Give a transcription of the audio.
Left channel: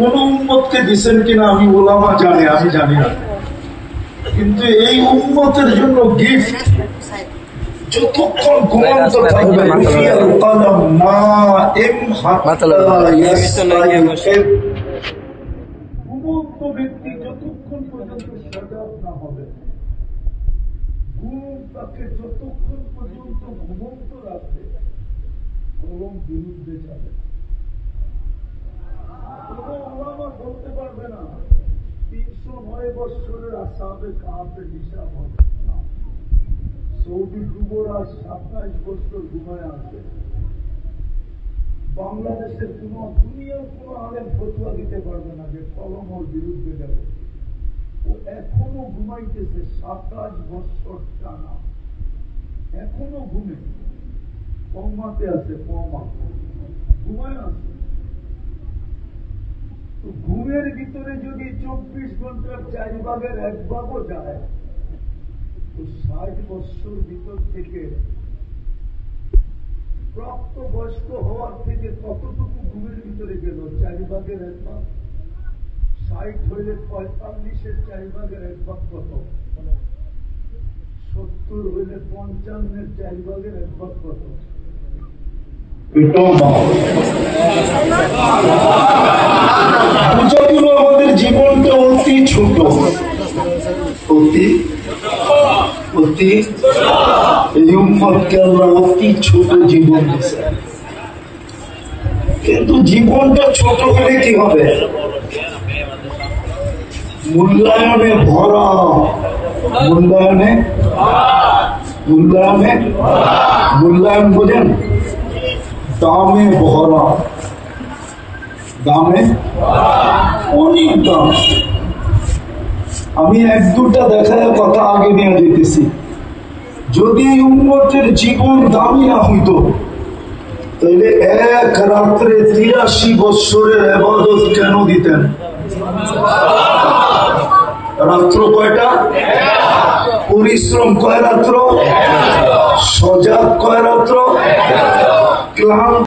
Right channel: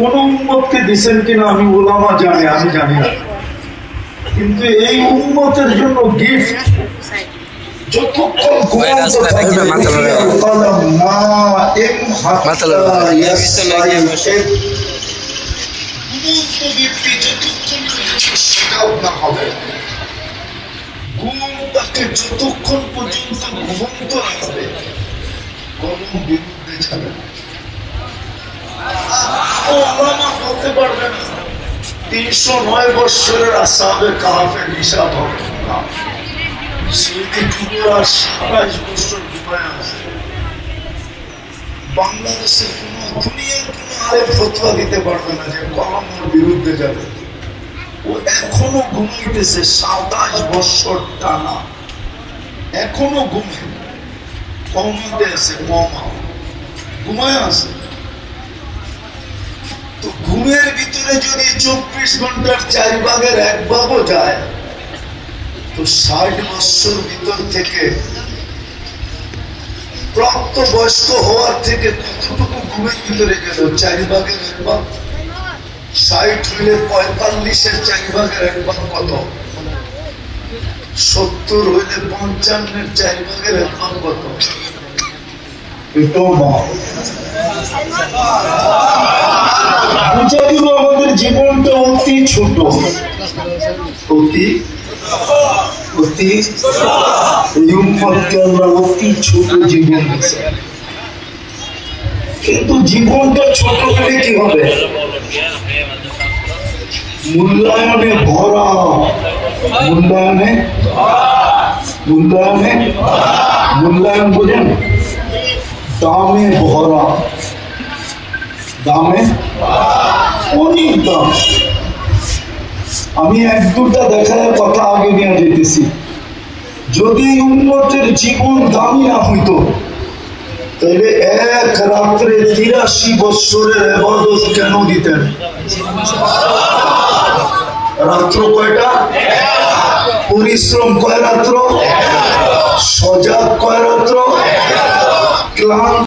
কোন উম্মতকে দিচ্ছেন কিনা আমি ওলামা জানি, আমি জানি না, কিন্তু এই উম্মতের জন্য গিফট যতক্ষণ পর্যন্ত ঘুমন্ত রাখবে কলম বিরুদ্ধে যাবে বলতে পারবে না 309 বৎসরের আসহাবে কাহাফের হিসাব হবে না। সৌদি যুবরা 27 বছর ঘুমায় আছে। বাংলাদেশের কোন দুনিয়ার কোন আরে ফতোয়া দিতে পারবে না যে কলমের বিরুদ্ধে যাবে। ও এখনো ঘুমাইতেছে 27 বছর টানা, এখনো ঘুমে কমাতে আছে, কমা ঘুমায় আছে। তো ঘুমের ভিতরে যদি 24 ঘন্টার 4 ভাগের 1 ভাগও যায় তো 60 বছর ভিতর থেকে প্রাপ্ত বয়স্ক হওয়ার থেকে কতটুকু ঘুমের ভিতরে গেল? 4 ভাগের 1 ভাগ। 60 হইলে 45-এর 4 ভাগের 1 ভাগ কত? 70 হইলে 55-এর 4 ভাগের 1 ভাগ কত? আমাদের জীবনটা অতি ছোট, অতি অতি অতি ছোট জীবন, কিন্তু জীবনটা ছোট হলে কি হবে? মূল্যায়নে ভরা, মূল্যায়নে মূল্যায়নে মূল্যায়ন বোঝেন? দামে ভরা, দামে অনেক দাম। আমি 1-2টা দেখার কথা আগে নিয়ে যেতেছি। যদি উম্মতের জীবন দামি না হইতো তাহলে এক রাত্রে 83 বৎসরের ইবাদত কেন দিতেন? রাত্র কয়টা? পরিশ্রম কয় রাত্র? সজাগ কয় রাত্র? ক্লান্ত